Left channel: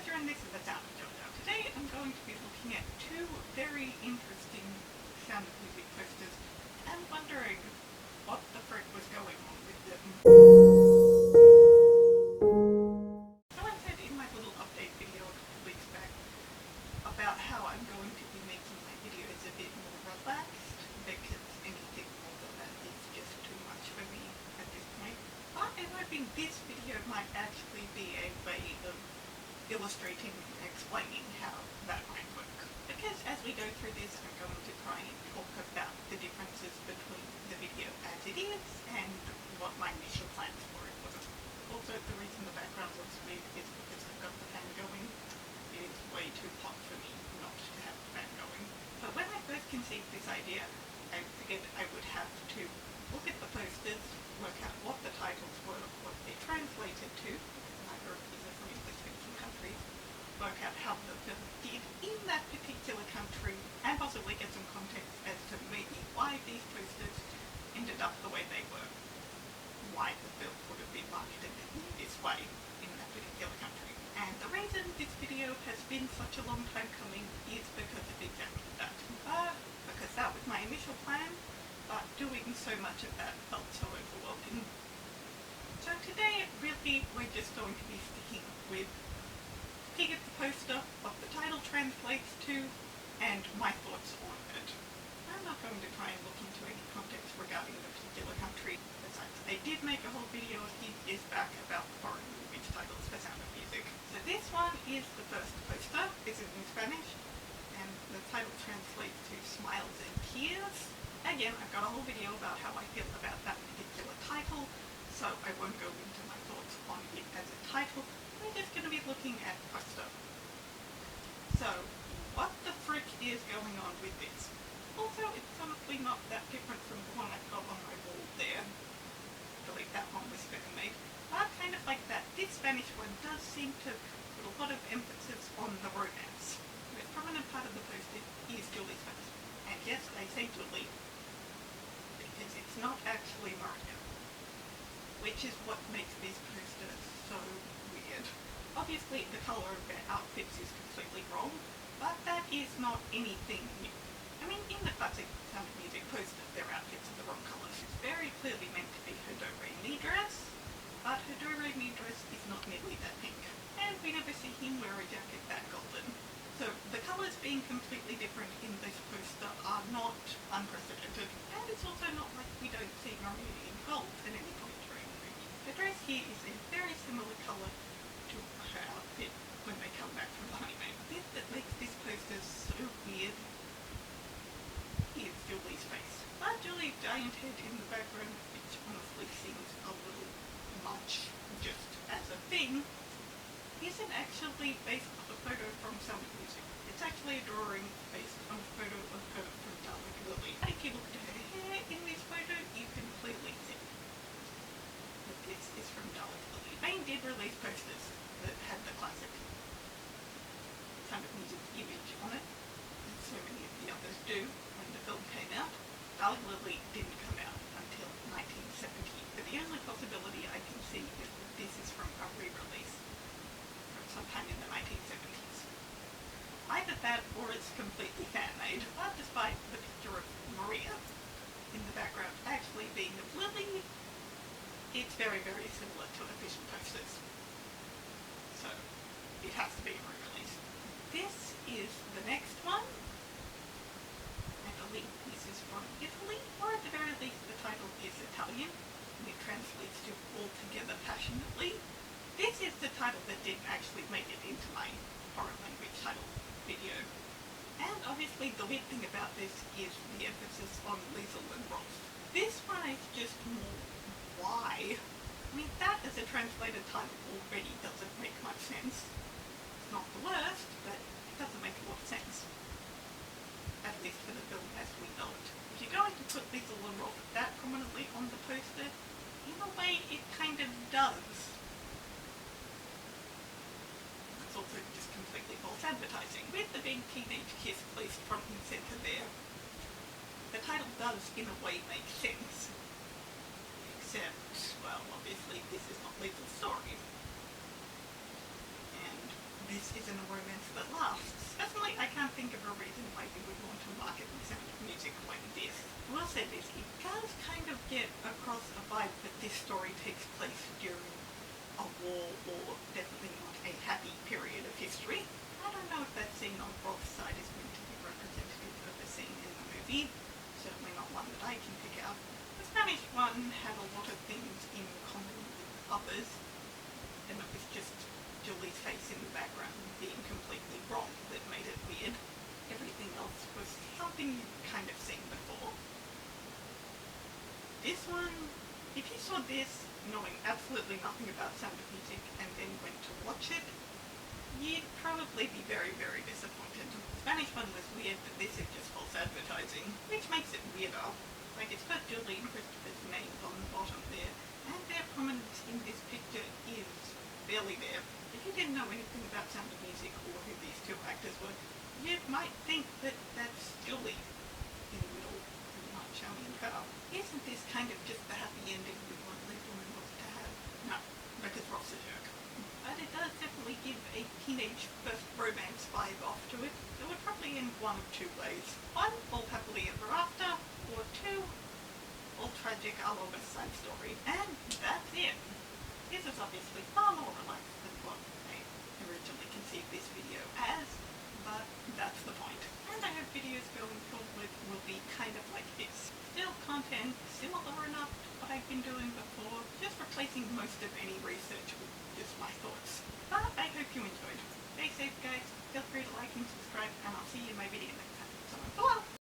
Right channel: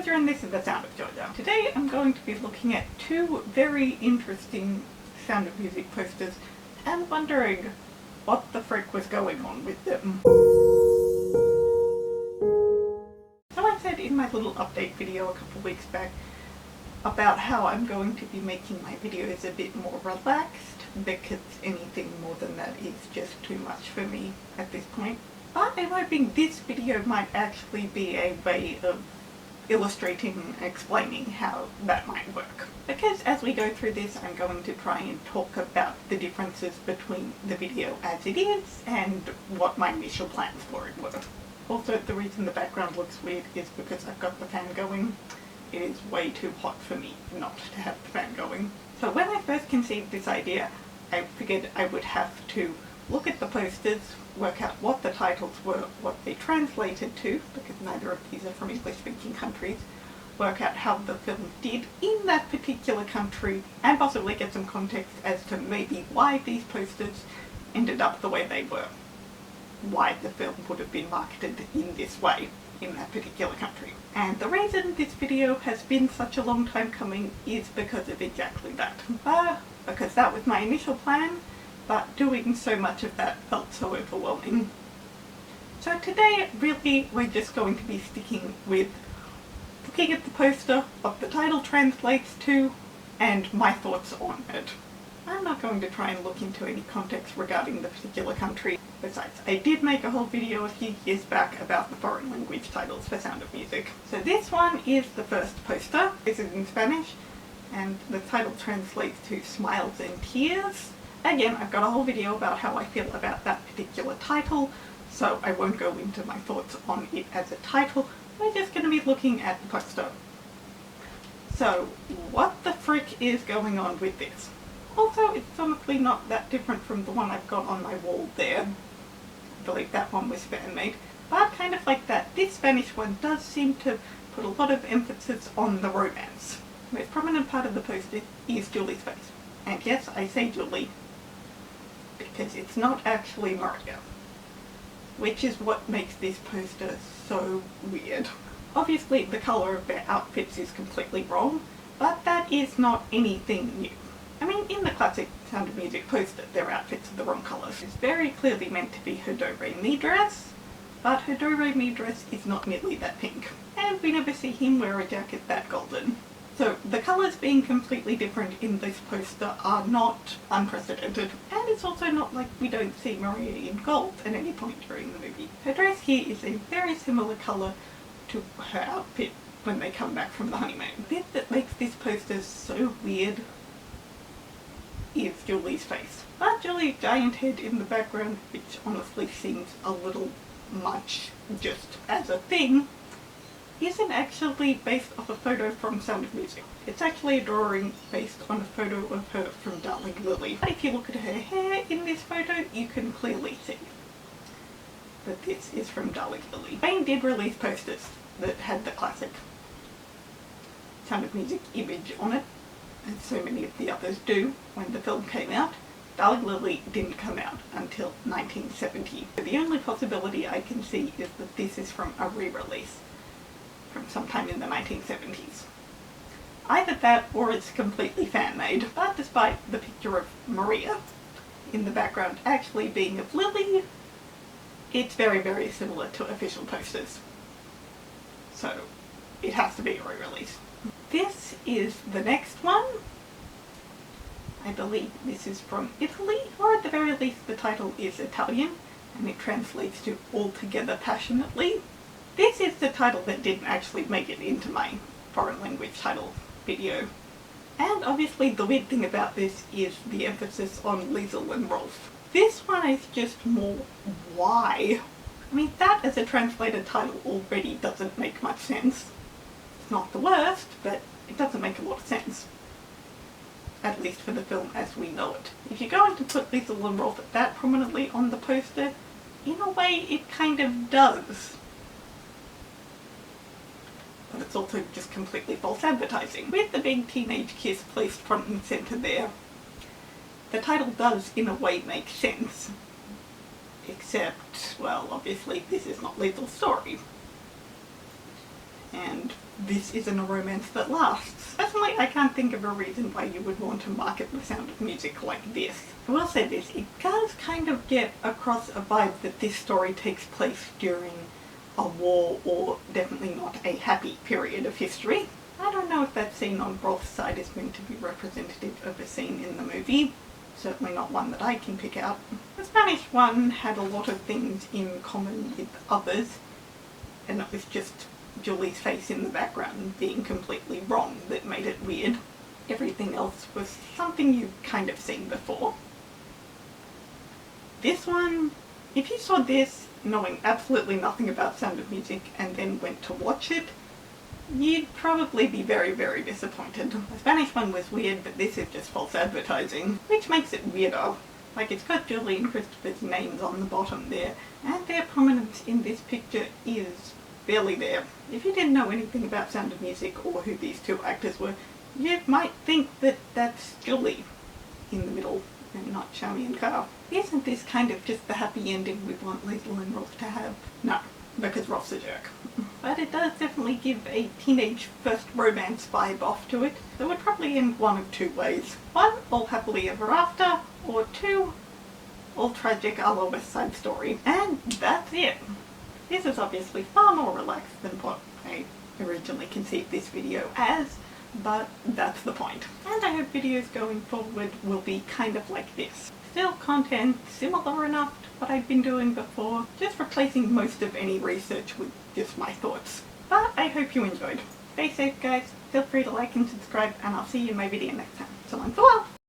Georgia and this is The Sound of Georgia. Today I'm going to be looking at two very interesting Sound of Music posters and wondering what the frick was going on with them. So I said in my little update video a couple weeks back about how I'm going to be making my videos a bit more relaxed because anything more than that is just too much for me at this point. But I'm hoping this video might actually be a way of illustrating and explaining how that might work. Because as we go through this, I'm going to try and talk about the differences between the video as it is and what my initial plans for it were. Also, the reason the background looks weird is because I've got the fan going. It is way too hot for me not to have the fan going. So when I first conceived this idea, I figured I would have to look at the posters, work out what the titles were, what they translated to, because neither of these are from English-speaking countries, work out how the film did in that particular country, and possibly get some context as to maybe why these posters ended up the way they were, why the film would have been marketed in this way in that particular country. And the reason this video has been such a long time coming is because of exactly that. Because that was my initial plan, but doing so much of that felt so overwhelming. So today, really, we're just going to be sticking with looking at the poster, what the title translates to, and my thoughts on it. I'm not going to try and look into any context regarding the particular country. Besides, I did make a whole video a few years back about the foreign language titles for Sound of Music. So this one is the first poster. This is in Spanish, and the title translates to Smiles and Tears. Again, I've got a whole video about how I feel about that particular title, so I won't go into my thoughts on it as a title. We're just going to be looking at the poster. So, what the frick is going on with this? Also, it's honestly not that different from the one I've got on my wall there. I believe that one was fan-made. But kind of like that, this Spanish one does seem to put a lot of emphasis on the romance. The most prominent part of the poster is Julie's face. And yes, I say Julie, because it's not actually Maria, which is what makes this poster so weird. Obviously, the colour of their outfits is completely wrong, but that is not anything new. I mean, in the classic Sound of Music poster, their outfits are the wrong colours. It's very clearly meant to be her do-re-mi dress, but her do-re-mi dress is not nearly that pink, and we never see him wear a jacket that golden. So the colours being completely different in this poster are not unprecedented, and it's also not like we don't see Maria in gold at any point during the movie. Her dress here is a very similar colour to her outfit when they come back from the honeymoon. The bit that makes this poster so weird is Julie's face. But Julie's giant head in the background, which honestly seems a little much just as a thing, isn't actually based off a photo from Sound of Music. It's actually a drawing based on a photo of her from Darling Lily. But if you look at her hair in this photo, you can clearly see that this is from Darling Lily. Wayne did release posters that had the classic Sound of Music image on it, as so many of the others do when the film came out. Darling Lily didn't come out until 1970. So the only possibility I can see is that this is from a re-release from sometime in the 1970s. Either that or it's completely fan-made. But despite the picture of Maria in the background actually being of Lily, it's very, very similar to official posters. So it has to be a re-release. This is the next one. I believe this is from Italy, or at the very least the title is Italian, and it translates to Altogether Passionately. This is the title that didn't actually make it into my foreign language title video. And obviously the weird thing about this is the emphasis on Liesl and Rolf. This one is just more why. I mean, that as a translated title already doesn't make much sense. It's not the worst, but it doesn't make a lot of sense. At least for the film as we know it. If you're going to put Liesl and Rolf that prominently on the poster, in a way it kind of does. But it's also just completely false advertising. With the big teenage kiss placed front and centre there, the title does in a way make sense. Except, well, obviously this is not Liesl's story. And and this isn't a romance that lasts. Personally, I can't think of a reason why you would want to market The Sound of Music like this. I will say this, it does kind of get across a vibe that this story takes place during a war, or definitely not a happy period of history. I don't know if that scene on Rolf's side is meant to be representative of a scene in the movie. Certainly not one that I can pick out. The Spanish one had a lot of things in common with others, and it was just Julie's face in the background being completely wrong that made it weird. Everything else was something you've kind of seen before. This one, if you saw this knowing absolutely nothing about Sound of Music and then went to watch it, you'd probably be very, very disappointed. The Spanish one was weird, but this is just false advertising, which makes it weirder. Like, it's got Julie and Christopher's names on the bottom there, and their prominence in this picture is barely there. If you didn't know anything about Sound of Music or who these two actors were, you might think that that's Julie in the middle and not Shami and Carl. Isn't this kind of just the happy ending we want Liesl and Rolf to have? No, because Rolf's a jerk. But it does definitely give a teenage first romance vibe off to it, so it would probably end one of two ways. One, all happily ever after, or two, all tragic a la West Side Story. And that's it. This is obviously far more relaxed than what I originally conceived this video as, but that's the point. And I hope videos going forward will be kind of like this. Still content similar enough to what I've been doing before, just replacing most of any research with just my thoughts. But I hope you enjoyed. Stay safe guys, feel free to like and subscribe, and I'll see you in my video next time. So long, farewell!